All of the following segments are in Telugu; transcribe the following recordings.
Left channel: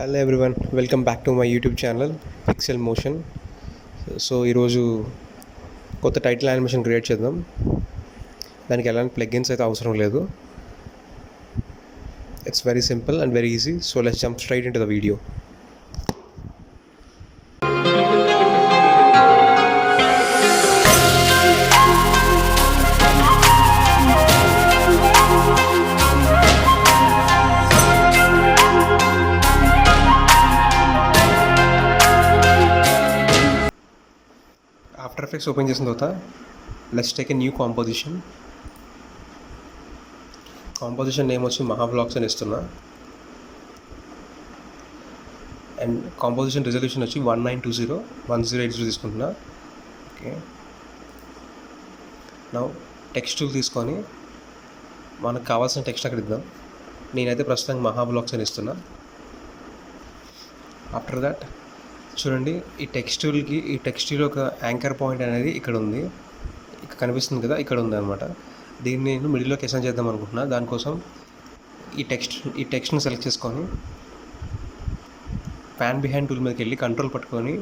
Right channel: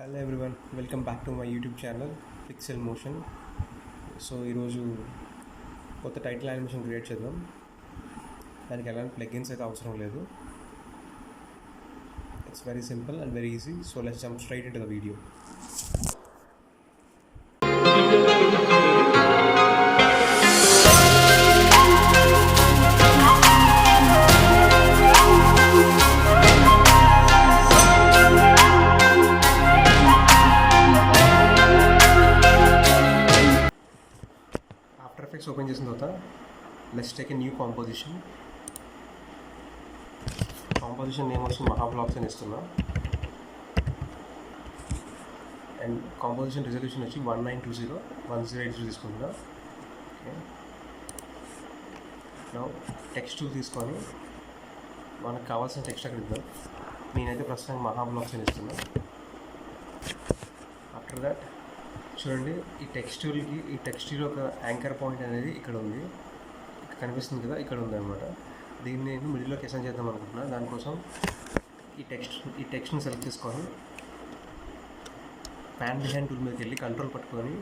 Hello everyone, welcome back to my YouTube channel pixel motion. So ఈరోజు కొత్త టైటిల్ యానిమేషన్ క్రియేట్ చేద్దాం. దానికి ఎలాంటి ప్లగ్ఇన్స్ అయితే అవసరం లేదు. It's very simple and very easy. So let's jump straight in to the video. After effects open చేసిన తర్వాత let's take a new composition name వచ్చి మహాబ్లాగ్స్ అని ఇస్తున్నా. అండ్ కాంపోజిషన్ రిజల్యూషన్ వచ్చి 1920x1080 తీసుకుంటున్నా. ఓకే, నౌ టెక్స్ట్ టూల్ తీసుకొని మనకు కావాల్సిన టెక్స్ట్ అక్కడ ఇద్దాం. నేనైతే ప్రస్తుతం మహాబ్లాగ్స్ అని ఇస్తున్నా. ఆఫ్టర్ దాట్ చూడండి, ఈ టెక్స్టూల్ ఒక యాంకర్ పాయింట్ అనేది ఇక్కడ ఉంది, ఇక్కడ కనిపిస్తుంది కదా, ఇక్కడ ఉంది అనమాట. దీన్ని నేను మిడిల్లోకి అసైన్ చేద్దాం అనుకుంటున్నా. దానికోసం ఈ టెక్స్ట్ని సెలెక్ట్ చేసుకొని ప్యాన్ బిహైండ్ టూల్ మీదకి వెళ్ళి కంట్రోల్ పట్టుకొని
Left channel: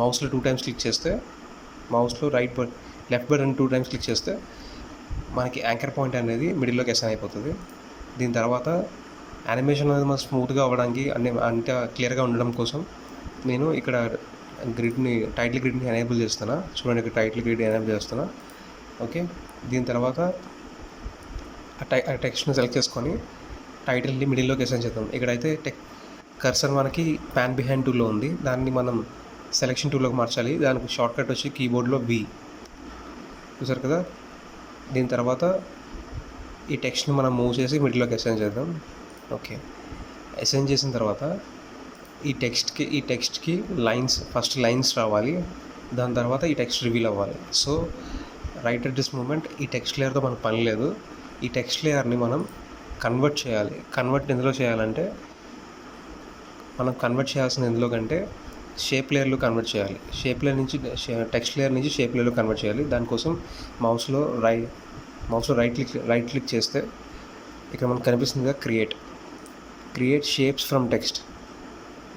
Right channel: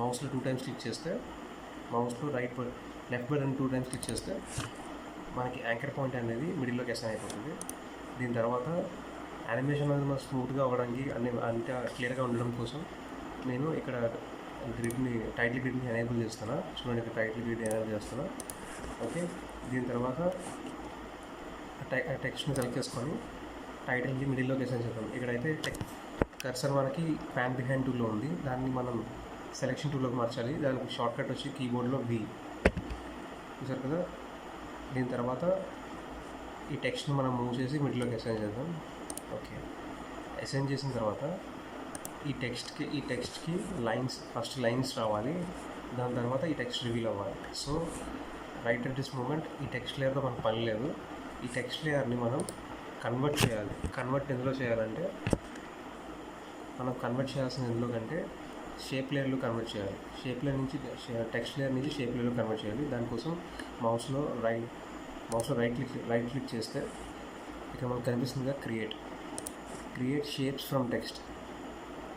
మౌస్లో 2 times క్లిక్ చేస్తే, మౌస్లో లెఫ్ట్ బటన్ 2 times క్లిక్ చేస్తే మనకి యాంకర్ పాయింట్ అనేది మిడిల్లోకి అసైన్ అయిపోతుంది. దీని తర్వాత యానిమేషన్ అనేది మనం స్మూత్గా అవ్వడానికి అంటే క్లియర్గా ఉండడం కోసం నేను ఇక్కడ టైటిల్ గ్రిడ్ని ఎనేబుల్ చేస్తున్నా. చూడండి, ఇక్కడ టైటిల్ గ్రిడ్ ఎనేబుల్ చేస్తున్నా. ఓకే, దీని తర్వాత ఆ టెక్స్ట్ని సెలెక్ట్ చేసుకొని టైటిల్ని మిడిల్లోకి అసైన్ చేద్దాం. ఇక్కడైతే కర్సర్ మనకి ప్యాన్ బిహైండ్ టూల్లో ఉంది, దాన్ని మనం సెలెక్షన్ టూల్లోకి మార్చాలి. దానికి షార్ట్ కట్ వచ్చి కీబోర్డ్లో V చూసారు కదా. దీని తర్వాత ఈ టెక్స్ట్ని మనం మూవ్ చేసి మిడిల్లోకి అసైన్ చేద్దాం. ఓకే, అసైన్ చేసిన తర్వాత ఈ టెక్స్ట్కి ఫస్ట్ లైన్స్ రావాలి. దాని తర్వాత ఈ టెక్స్ట్ రివీల్ అవ్వాలి. So right at this moment ఈ టెక్స్ట్ లేయర్తో మనకు పని లేదు. ఈ టెక్స్ట్ లేయర్ని మనం కన్వర్ట్ చేయాలి. ఎందులో చేయాలంటే మనం కన్వర్ట్ చేయాల్సిన ఎందులో కంటే షేప్ లేయర్లో కన్వర్ట్ చేయాలి. టెక్స్ట్ లేయర్ నుంచి షేప్ లేయర్లో కన్వర్ట్ చేయాలి. దానికోసం మౌస్లో రైట్ క్లిక్ చేస్తే ఇక్కడ మనకు కనిపిస్తుంది కదా, క్రియేట్ షేప్స్ ఫ్రమ్ టెక్స్ట్.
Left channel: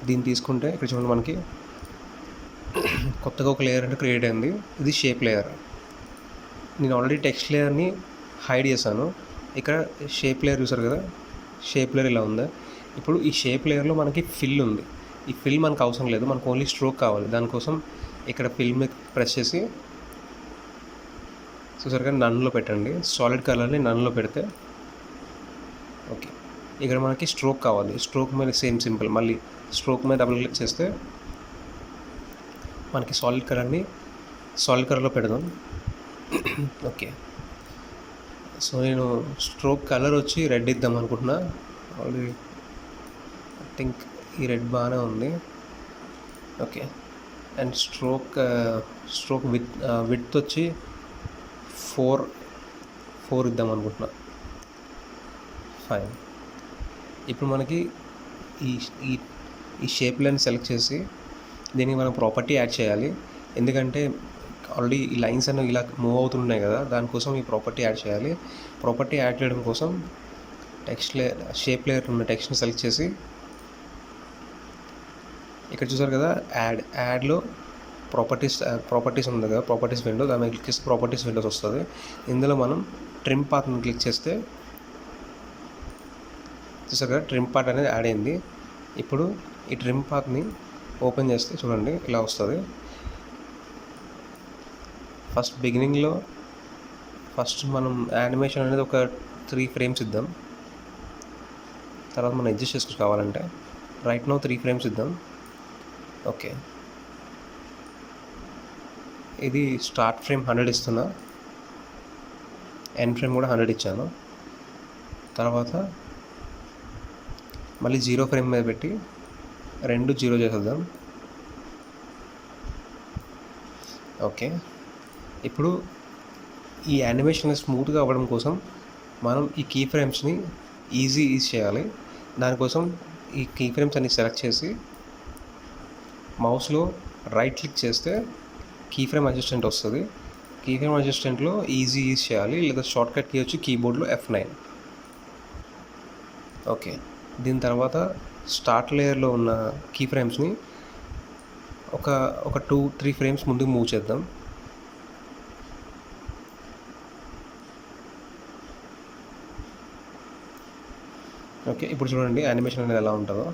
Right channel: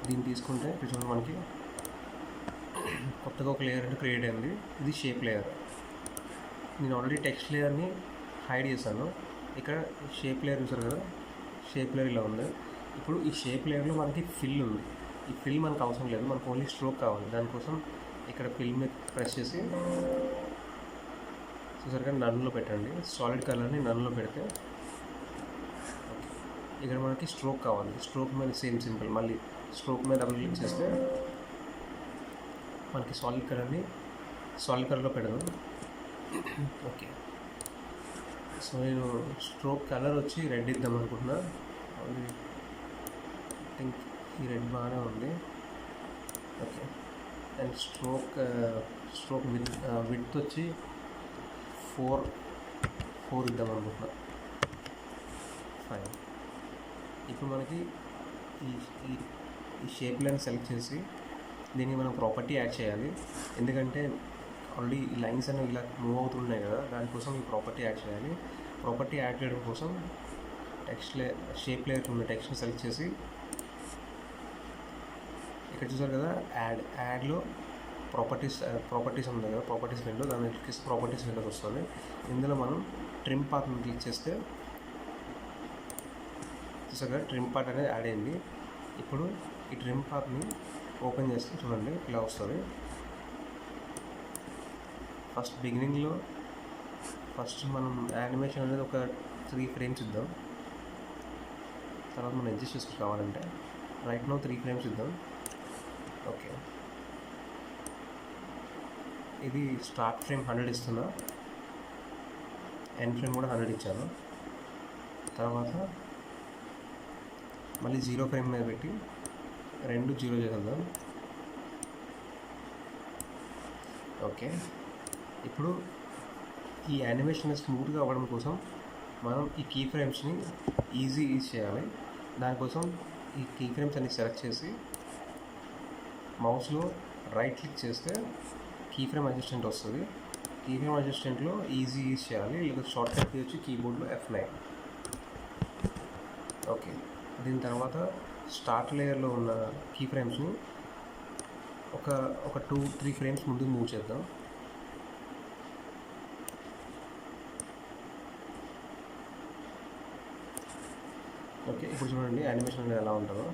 దీన్ని తీసుకుంటే ఇక్కడ చూడండి, మనకి కొత్తగా ఒక లేయర్ అంటే క్రియేట్ అయింది. ఇది షేప్ లేయర్. నేను ఆల్రెడీ టెక్స్ట్ లేయర్ని హైడ్ చేశాను. ఇక్కడ షేప్ లేయర్ చూసారు కదా, షేప్ లేయర్ ఇలా ఉంది. ఇప్పుడు ఈ షేప్ లేయర్లో మనకి ఫిల్ ఉంది. ఈ ఫిల్ మనకు అవసరం లేదు, మనకు ఓన్లీ స్ట్రోక్ కావాలి. దానికోసం ఇక్కడ ఫిల్ మీద ప్రెస్ చేసి చూసారు కదా, నన్లో పెట్టండి. సాలిడ్ కలర్ని నన్లో పెడితే ఓకే, ఇక్కడ మనకి స్ట్రోక్ కావాలి. స్ట్రోక్ మీద సింపుల్, మళ్ళీ స్ట్రోక్ మీద డబుల్ క్లిక్ చేస్తే మనకి సాలిడ్ కలర్లో పెడదాం. ఓకే, సో నేను స్ట్రోక్ కలర్ వచ్చి రెడ్ ఇద్దాం అనుకుంటున్నా. ఆల్రెడీ థింక్ ఈ రెడ్ బాగానే ఉంది. ఓకే, అండ్ స్ట్రోక్ విడ్త్ వచ్చి 4 ఇద్దాం అనుకుంటున్నా. ఫైన్. ఇప్పుడు మనకి ఈ షేప్ లైన్ సెలెక్ట్ చేసి దీనికి మనం ప్రాపర్టీ యాడ్ చేయాలి. ఎందుకంటే ఆల్రెడీ ఈ లైన్స్ అనేవి ఇలా మూవ్ అవుతున్నాయి కదా, దానికోసం ఈ ప్రాపర్టీ యాడ్ చేయాలి. ప్రాపర్టీ యాడ్ చేయడం కోసం షేప్ లేయర్ ఉన్న టెక్స్ట్ని సెలెక్ట్ చేసి ఇక్కడ చూసారు కదా, యాడ్లో ప్రాపర్టీస్ ఉంది కదా, ప్రాపర్టీస్ విండో, దాని మీద క్లిక్ చేస్తే ప్రాపర్టీస్ విండోస్ వస్తుంది. ఇందులో మనం ట్రిమ్ పాత్ని క్లిక్ చేస్తే చూసారు కదా, ట్రిమ్ పార్ట్ అనేది యాడ్ అయింది. ఇప్పుడు ఈ ట్రిమ్ పాత్ని ఓపెన్ చేస్తే చూడండి, ఇలా వస్తుంది. ఫస్ట్ మనం యానిమేషన్ అనేది ఒక 3 frames ఇద్దాం. తర్వాత మనం అడ్జస్ట్ చేసుకోవచ్చు కావాలంటే. రైట్ నౌ 3 frames ఇద్దాం. ఓకే, ఇది స్టార్ట్ ఫ్రేమ్ 100 ఇస్తున్నా, ఎండ్ ఫ్రేమ్ కూడా 100 ఇచ్చాను. తర్వాత మళ్ళీ 0 frame మీద పెట్టి 2 0 చేసేద్దాం. ఓకే, ఇప్పుడు ఈ యానిమేషన్ స్మూత్గా అవ్వడం కోసం మనం ఈ కీ ఫ్రేమ్స్ని ఈజీ చేయాలి. దానికోసం ఈ కీ ఫ్రేమ్స్ అన్ని సెలెక్ట్ చేసి మౌస్లో రైట్ క్లిక్ చేస్తే కీ ఫ్రేమ్ అడ్జస్టెంట్ వస్తుంది. కీ ఫ్రేమ్ అడ్జస్టెంట్లో ఈజీ చేయాలి, లేదా షార్ట్ కట్ కీ వచ్చి కీబోర్డ్లో F9. ఓకే, దీని తర్వాత స్టార్ట్ లేయర్లో ఉన్న కీ ఫ్రేమ్స్ని ఒక ఒక 2-3 ఫ్రేమ్స్ ముందుకు మూవ్ చేద్దాం. ఓకే, ఇప్పుడు చూడండి యానిమేషన్ అనేది ఎలా ఉంటుందో.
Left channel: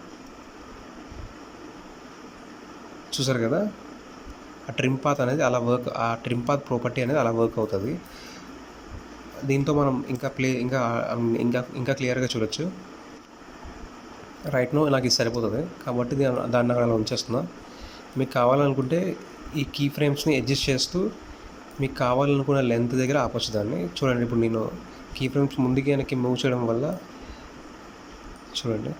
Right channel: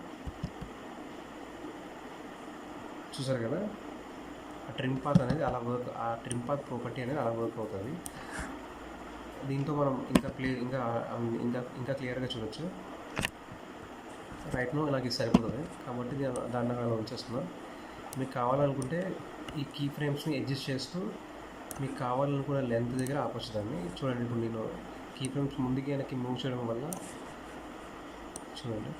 చూసారు కదా, ఆ ట్రిమ్ పాత్ అనేది అలా వర్క్, ఆ ట్రిమ్ పాత్ ప్రాపర్టీ అనేది అలా వర్క్ అవుతుంది. దీంతో మనం ఇంకా క్లియర్గా చూడొచ్చు. రైట్ నో నాకు ఇది సరిపోతుంది కాబట్టి దాన్ని అలా ఉంచేస్తున్నా. మీకు కావాలనుకుంటే ఈ కీ ఫ్రేమ్స్ని అడ్జస్ట్ చేస్తూ మీకు కావాలనుకున్న లెంత్ దగ్గర ఆపొచ్చు దాన్ని. చూడండి, ఇప్పుడు నేను కీ ఫ్రేమ్స్ ముందుకి వెనక్కి మూవ్ చేయడం వల్ల చూడండి,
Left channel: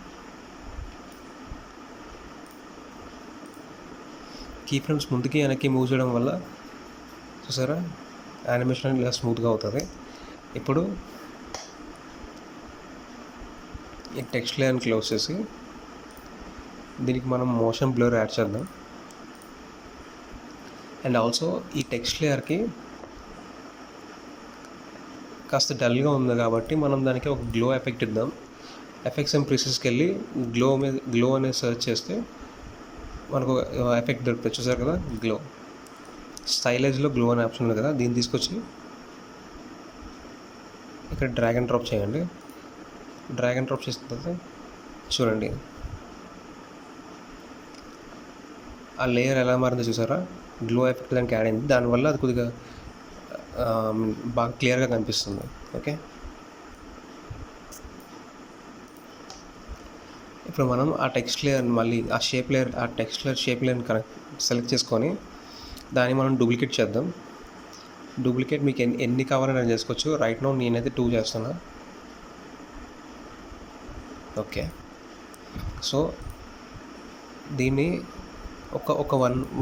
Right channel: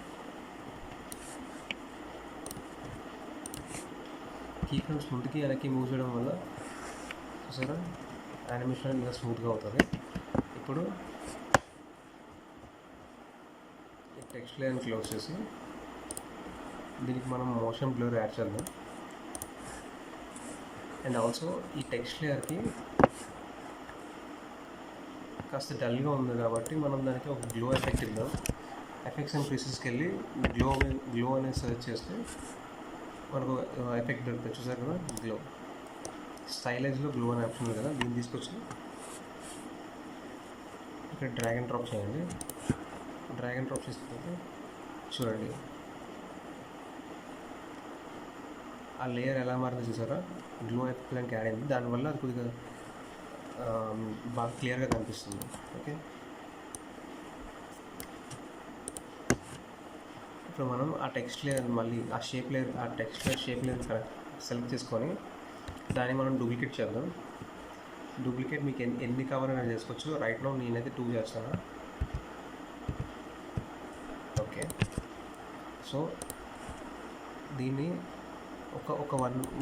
కీ ఫ్రేమ్స్ ముందుకి వెనక్కి మూవ్ చేయడం వల్ల చూసారా యానిమేషన్ ఇలా స్మూత్గా అవుతుంది. ఇప్పుడు ఈ టెక్స్ట్ లేయర్ని క్లోజ్ చేసి దీనికి మనం మోషన్ బ్లర్ యాడ్ చేద్దాం. అండ్ ఆల్సో ఈ టెక్స్ట్ లేయర్కి కాస్త డల్గా ఉంది కాబట్టి మనం దానికి ఒక గ్లో ఎఫెక్ట్ ఇద్దాం. ఎఫెక్ట్స్ అండ్ ప్రీసెస్కి వెళ్ళి గ్లో అనేది సెర్చ్ చేస్తే మనకు ఎఫెక్ట్ దొరుకుతుంది. చూసారు కదా, గ్లో స్టైలైజ్లో గ్లో అనే ఆప్షన్ ఉంది కదా, దీన్ని తీసుకొచ్చి ఇక్కడ డ్రాగ్ అండ్ డ్రాప్ చేయండి. డ్రాగ్ అండ్ డ్రాప్ చేసిన తర్వాత చూడండి ఆ లేయర్ ఎలా మారిందో చూసారా, గ్లో ఎఫెక్ట్ దానికి యాడ్ అయింది. దానివల్ల అది కొద్దిగా బాగా క్లియర్గా కనిపిస్తుంది. ఓకే, ఇప్పుడు మనం ఆ టెక్స్ట్ లేయర్ మళ్ళీ ఆ షేప్ లేయర్ని సెలెక్ట్ చేసుకొని దాన్ని మనం డూప్లికేట్ చేద్దాం. డూప్లికేట్ మీకు ఎన్ని కావాలని నేను చేసుకోవచ్చు. రైట్ నో నేనైతే 2 చేస్తున్నా. ఓకే, సో దీన్ని ఒక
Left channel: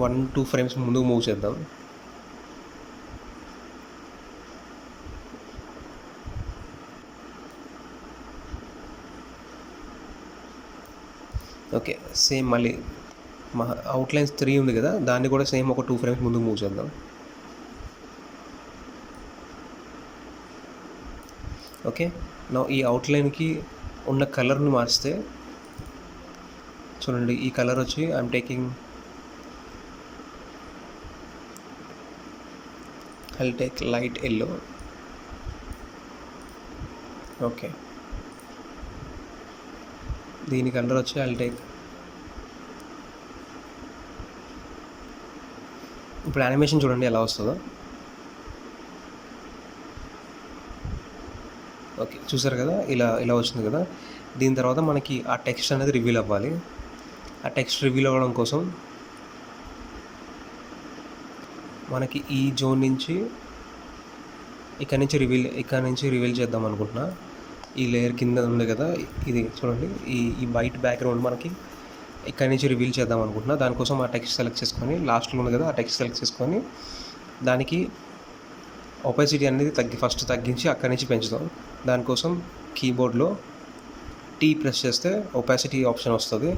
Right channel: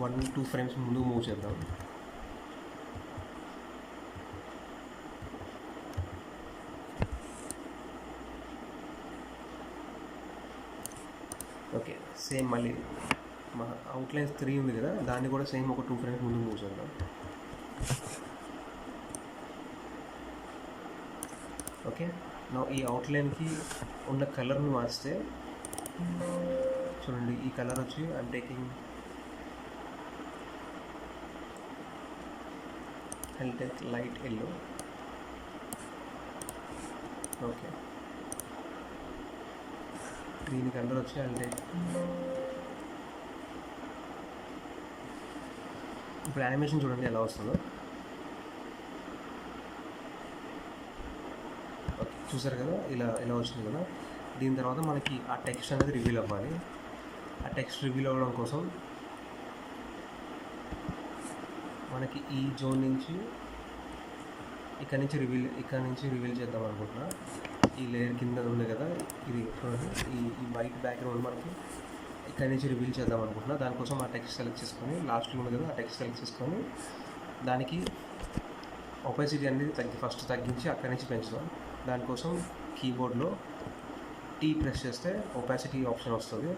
1-2 ఫ్రేమ్స్ ముందుకు మూవ్ చేద్దాం. ఓకే, సేమ్ మళ్ళీ మా అవుట్లైన్స్ 3 ఉంది కదా, దాన్ని కూడా సేమ్ ఒక 2 ఫ్రేమ్స్ ముందుకు మూవ్ చేద్దాం. ఓకే, నా ఈ అవుట్లైన్కి ఉన్న కలర్ని మార్చితే చూడండి, ఈ కలర్ వచ్చి I'm taking I'll take light yellow. Okay, దీని కలర్ వచ్చి ఐల్ టేక్. ఇప్పుడు యానిమేషన్ చూడండి ఎలా వస్తుందో. ఓకే, చూసారు కదా, ఇలా వచ్చింది కదా. దీని తర్వాత మనకి ఆ టెక్స్ట్ అనేది రివీల్ అవ్వాలి. ఆ టెక్స్ట్ రివీల్ అవ్వడం కోసం మనకి ఈ జోన్ నుంచి ఇక్కడ నుంచి రివీల్ చేద్దాం అనుకుంటున్నా. ఈ లేయర్ కింద ఉంది కదా, ఇది చూడండి, ఈ వైట్ బ్యాక్గ్రౌండ్ మనకి ఇక్కడ నుంచి రివీల్ చేద్దాం అనుకుంటున్నా. దానికోసం ఆ టెక్స్ట్ సెలెక్ట్ చేసుకొని, లాస్ట్లో ఉంది కదా ఆ టెక్స్ట్ సెలెక్ట్ చేసుకొని దానికి ఒపాసిటీ అనేది ఫస్ట్ తగ్గించి అక్కడి నుంచి పెంచుదాం. దానికోసం కీబోర్డ్లో టీ ప్రెస్ చేస్తే ఒపాసిటీ ఆప్షన్ వస్తుంది.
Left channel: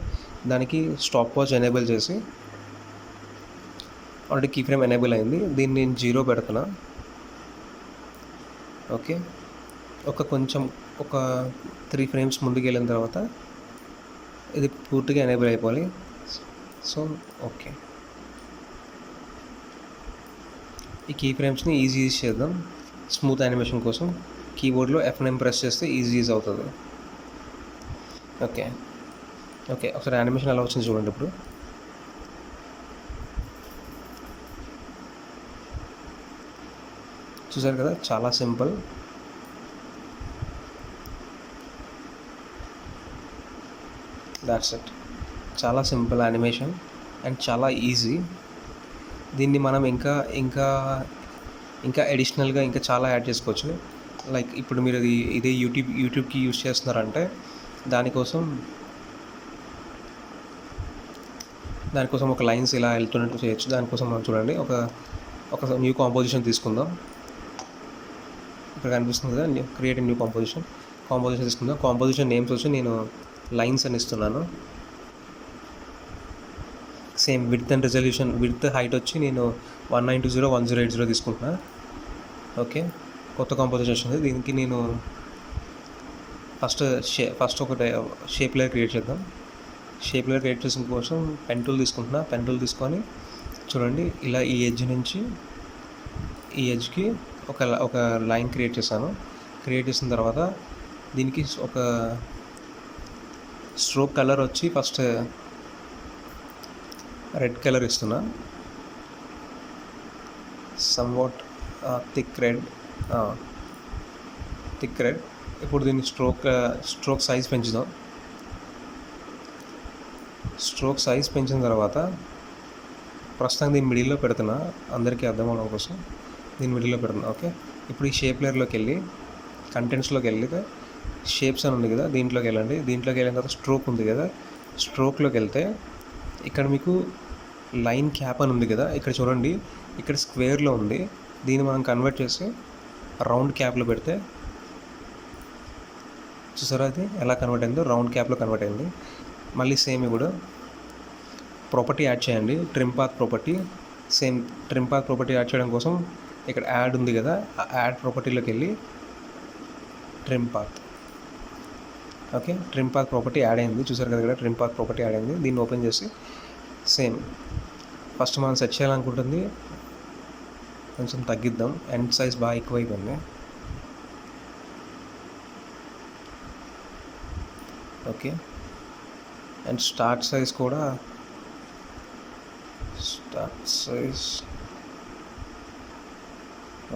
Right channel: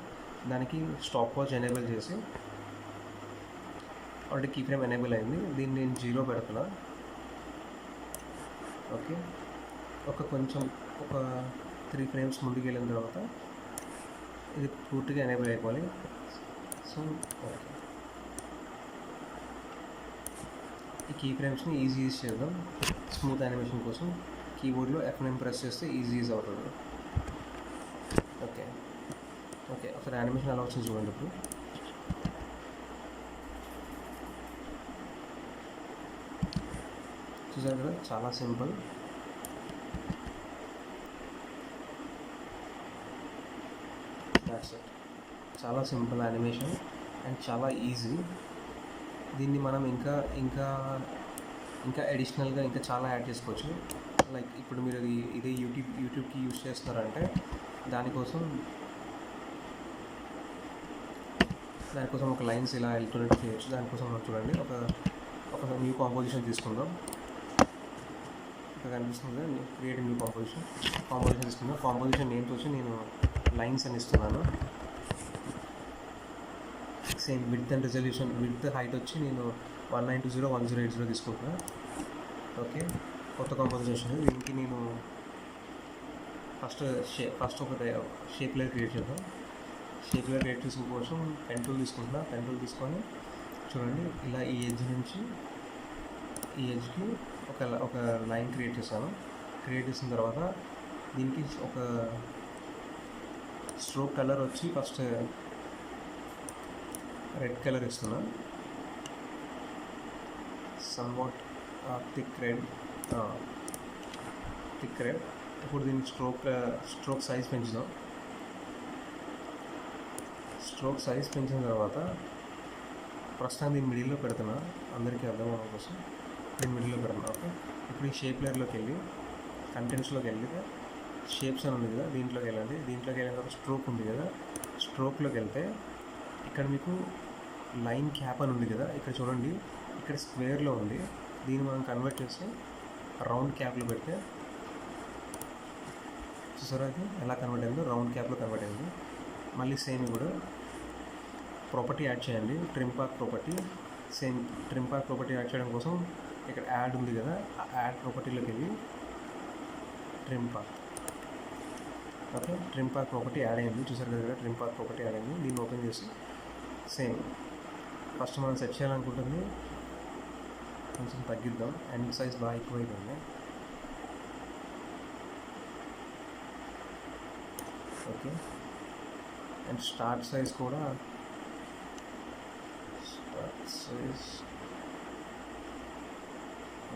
దానికి స్టాప్ వాచ్ ఎనేబుల్ చేసి, ఆల్రెడీ కీ ఫ్రేమ్ ఎనేబుల్ అయింది, దీన్ని నేను 0 పెడుతున్నా. ఓకే, ఒక 3 ఫ్రేమ్స్ ముందుకు వెళ్ళిన తర్వాత ఇది పూర్తిగా ఎనేబుల్ అయిపోవాలి. సో ఓకే, ఈ కీ ఫ్రేమ్స్ని ఈజీ చేద్దాం. స్మూత్ యానిమేషన్ కోసం కీబోర్డ్లో F9 ప్రెస్ చేస్తే ఈజీ అవుతుంది. ఓకే, ఒకసారి యానిమేషన్ ఎలా వచ్చింది చూడండి. ఇప్పుడు చూసారు కదా, చాలా సింపుల్. That's it. చాలా సింపుల్ యానిమేషన్ అండ్ చాలా ఈజీ. దీన్ని మనం ఇంకా అడిషనల్గా ఇంకా చాలా యాడ్ చేసుకోవచ్చు. లైక్ ఇప్పుడు మీరు ఇదే యూట్యూబ్కి యూజ్ చేస్తున్నారంటే దానికోసం ఒక లైన్స్ ఇలా వెళ్తున్నట్టు చేయొచ్చు. దానికోసం మనం చూడండి, ఒక న్యూ కాంపోజిషన్ తీసుకుందాం. ఇక్కడ కనిపిస్తుంది కదా, క్రియేట్ న్యూ కాంపోజిషన్ తీసుకుందాం. కాంపోజిషన్ నేమ్స్ వచ్చి నేను లైన్స్ అని ఇస్తున్నాను. Same width and resolution, width height వచ్చి నేను 1920x1080 తీసుకుంటున్నా. ఓకే, కొత్త కాంపోజిషన్ వస్తుంది. దీనికి నేను ఫస్ట్ ఒక షేప్ లేయర్ క్రియేట్ చేద్దాం. షేప్ లేయర్ క్రియేట్ చేసిన కోసం పెన్ టూల్ తీసుకుంటున్నా. పెన్ టూల్ తీసుకొని చూడండి, ఇలా ఈ ఎడ్జ్ నుంచి ఈ ఎడ్జ్కి ఒక లైన్ క్రియేట్ చేశాను. క్రియేట్ చేసిన తర్వాత దీనికి ఒక స్ట్రోక్ కలర్ వచ్చి ఫస్ట్ రెడ్ కలర్ ఇస్తున్నా, సమ్వాట్ థిక్ రెడ్. ఇప్పుడు దీన్ని స్ట్రోక్ సైజ్ పెంచుదాం. స్ట్రోక్ సైజ్ పెంచిన తర్వాత ప్రస్తుతం దీన్ని మిడిల్లో పెడుతున్నా, అందరికీ అర్థం అవడం కోసం దీన్ని మిడిల్లో పెడుతున్నా. ఓకే, ఇప్పుడు ఈ షేప్ లేయర్లోకి వెళ్ళి కంటెంట్స్లోకి వెళ్ళి షేప్స్ అని ఉంది కదా, దీంట్లోకి వెళ్ళండి. దీంట్లోకి వెళ్ళిన తర్వాత స్ట్రోక్ ఉంది కదా, స్ట్రోక్లోకి వెళ్తే ఇక్కడ మీకు లైన్ క్యాప్ అని ఉంది కదా, ఇక్కడ చూడండి, ఇక్కడ స్క్వేర్లో ఉంది. దీన్ని మనం కన్వర్ట్ చేసి రౌండ్ క్యాప్లో పెడితే చూసారా అది ఎలా కన్వర్ట్ అయిందో, రౌండ్ క్యాప్లో కన్వర్ట్ అయింది. మళ్ళీ సేమ్ ఇప్పుడు ప్రాపర్టీ యాడ్ చేయండి, trim path property. Same trim path property add చేయడం కోసం ఇక్కడ యాడ్ ఉంది కదా, ఆ యాడ్ ప్రాపర్టీలోకి వెళ్ళి trim path. Okay, trim path property add అయింది, చూసారు కదా ఇక్కడ ట్రిమ్ పాత్ ప్రాపర్టీ యాడ్ అయింది. దీన్ని ఓపెన్ చేసి సేమ్ ఫస్ట్ మనం సెట్ చేయాలనుకుంటుంది కొంచెం తగ్గిద్దాం, ఎండ్ సైజ్ బాగా ఎక్కువైపోయింది. ఓకే, అండ్ స్టార్ట్ సైజ్ కూడా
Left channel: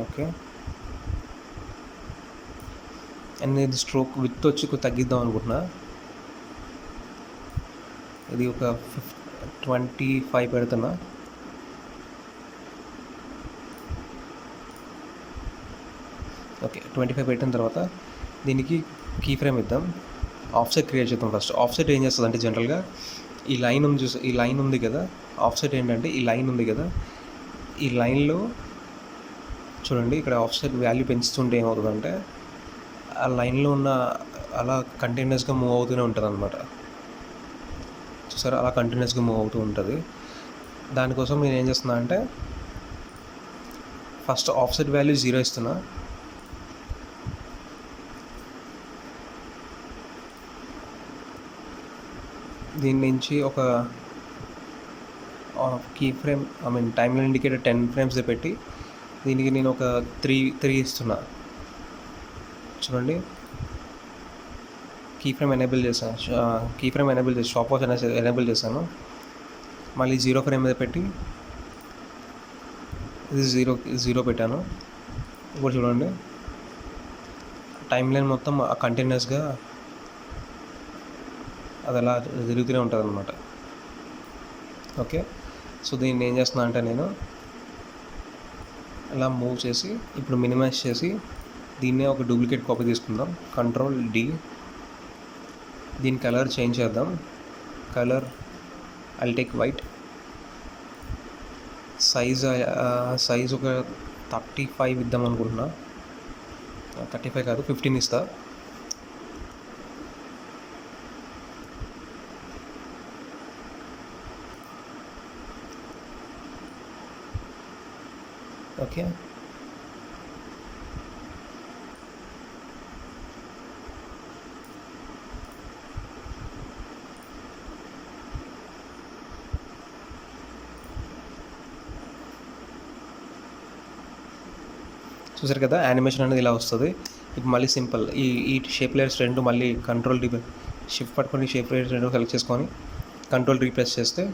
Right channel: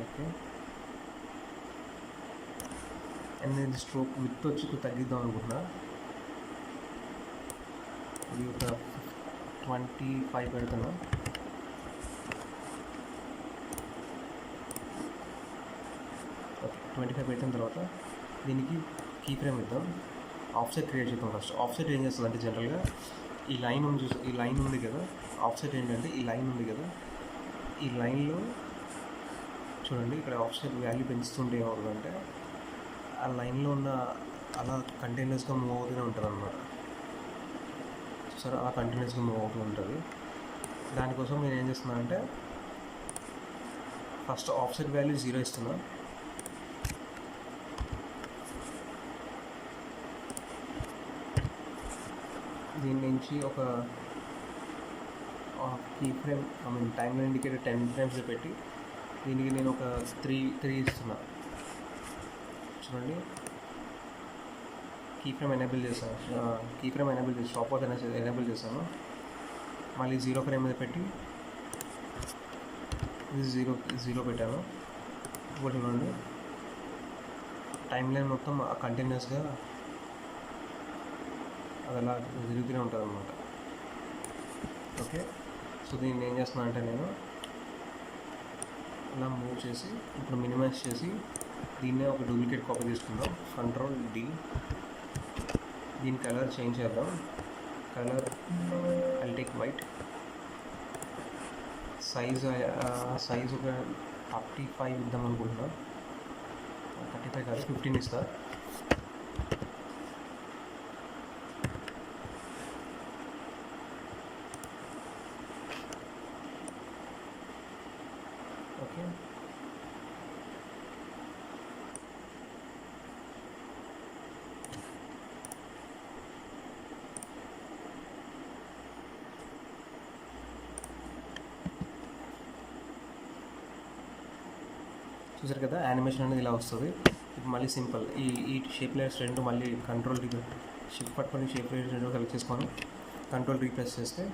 ఓకే. అండ్ ఇది స్ట్రోక్ విత్ వచ్చి తగ్గిద్దాం అనుకుంటున్నా. ఇది ఒక 25 పెడుతున్నా. ఓకే, 25 పెట్టిన తర్వాత దీనికి కీ ఫ్రేమ్ ఇద్దాం. ఆఫ్సెట్ క్రియేట్ చేద్దాం ఫస్ట్. ఆఫ్సెట్ ఏం చేస్తుంది అంటే జనరల్గా ఈ లైన్ ఉంది ఈ లైన్ ఉంది కదా, ఆఫ్సెట్ ఏంటంటే ఈ లైన్ ఉంది కదా, ఈ లైన్లో చూడండి ఇక్కడ ఆఫ్సెట్ వాల్యూ పెంచుతుంటే ఏమవుతుందంటే ఆ లైన్లో ఉన్న అలా కంటిన్యూస్గా మూవ్ అవుతూనే ఉంటుంది అనమాట. చూసారా, అలా కంటిన్యూస్గా మూవ్ అవుతూ ఉంటుంది. దానికోసం నేను ఏం చేస్తున్నా అంటే ఫస్ట్ ఆఫ్సెట్ వాల్యూ 0 ఇస్తున్నా. దీని నుంచి ఒక key frame time line indicator 10 frames పెట్టి దీనికి నేను ఒక 3 ఇస్తున్నా. చూడండి, కీ ఫ్రేమ్ ఎనేబుల్ చేశాను, స్టాప్ వాచ్ అనేది ఎనేబుల్ చేశాను. మళ్ళీ 0 ఫ్రేమ్ మీద పెట్టి ఇది 0 పెట్టాను. ఇప్పుడు చూడండి, టైమ్ లైన్ మొత్తం కంటిన్యూస్గా అది అలా తిరుగుతూనే ఉంటుంది అనమాట. ఓకే, సో దీన్ని ఏం చేస్తున్నా అంటే నేను ఇలా మూవ్ చేసి ఇప్పుడు మినిమైజ్ చేసి దీన్నే ఒక డూప్లికేట్ కాపీ తీసుకుందాం. Ctrl+D. దీని కలర్ చేంజ్ చేద్దాం. Colour I'll take white. Size ఒక 35 ఇద్దాం అనుకుంటున్నా. 35 కాదు, 15 ఇస్తా. ఓకే, చూసారు కదా యానిమేషన్ అనేది ఇలా వస్తుంది. ఇప్పుడు మళ్ళీ సింపుల్ ఈ షేప్ లేయర్స్ రెండు మళ్ళీ Ctrl+D షిఫ్ట్ పట్టుకొని షేప్ లేయర్స్ రెండు సెలెక్ట్ చేసుకొని Ctrl+D ప్రెస్ చేస్తే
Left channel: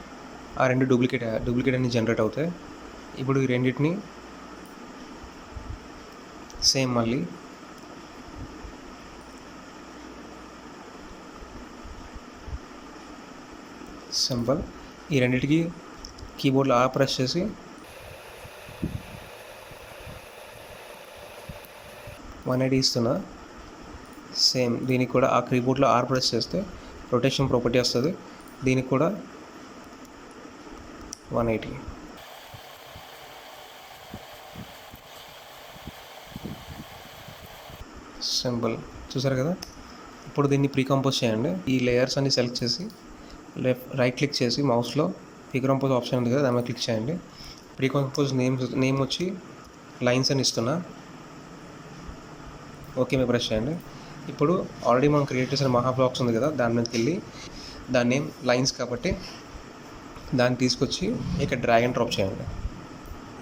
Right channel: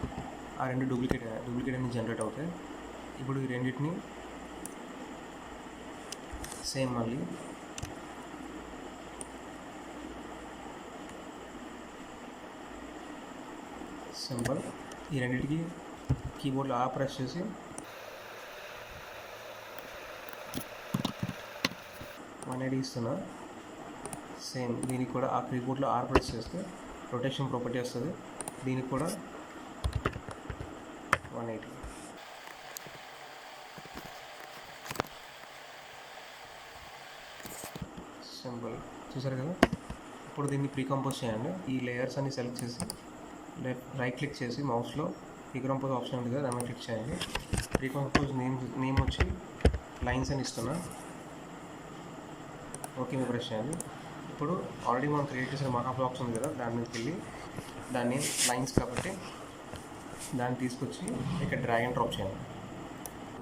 ఆ రెండు డూప్లికేట్ అన్ని జనరేట్ అవుతాయి. ఇప్పుడు ఈ రెండింటిని సేమ్ మళ్ళీ సింపుల్ ఈ రెండింటికి కీబోర్డ్లో ప్రెస్ చేసి /180 ఇస్తున్నా. సేమ్ దీనికి కూడా ఆ కీబోర్డ్లో ప్రెస్ చేస్తే రొటేషన్ ప్రాపర్టీ వస్తుంది. దీనికి కూడా 180. సింపుల్, చూసారు కదా. ఇప్పుడు దీన్ని ప్రీకంపోజ్ చేయండి. ఈ లేయర్స్ అన్ని సెలెక్ట్ చేసి రైట్ క్లిక్ చేసి మౌస్లో ప్రీకంపోజ్ ఆప్షన్ ఉంది కదా, దాని మీద క్లిక్ చేయండి. ప్రీకంపోజ్ నేమ్ వచ్చి లైన్స్ అని ఇస్తున్నా. ఓకే మీద ప్రెస్ చేయండి. ఇప్పుడు ఆల్రెడీ మనం క్రియేట్ చేసిన మహా బ్లాక్స్ ఉంది కదా, దాని మీదకి వెళ్ళి దాన్ని లైన్స్ కాబట్టి దాన్ని తీసుకొచ్చి ఇక్కడ డ్రాగ్ అండ్ డ్రాప్ చేయండి.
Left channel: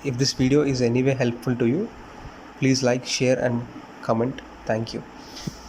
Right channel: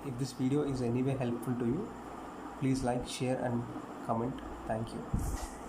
If this video is anyway helpful to you, please like, share and comment. Thank you.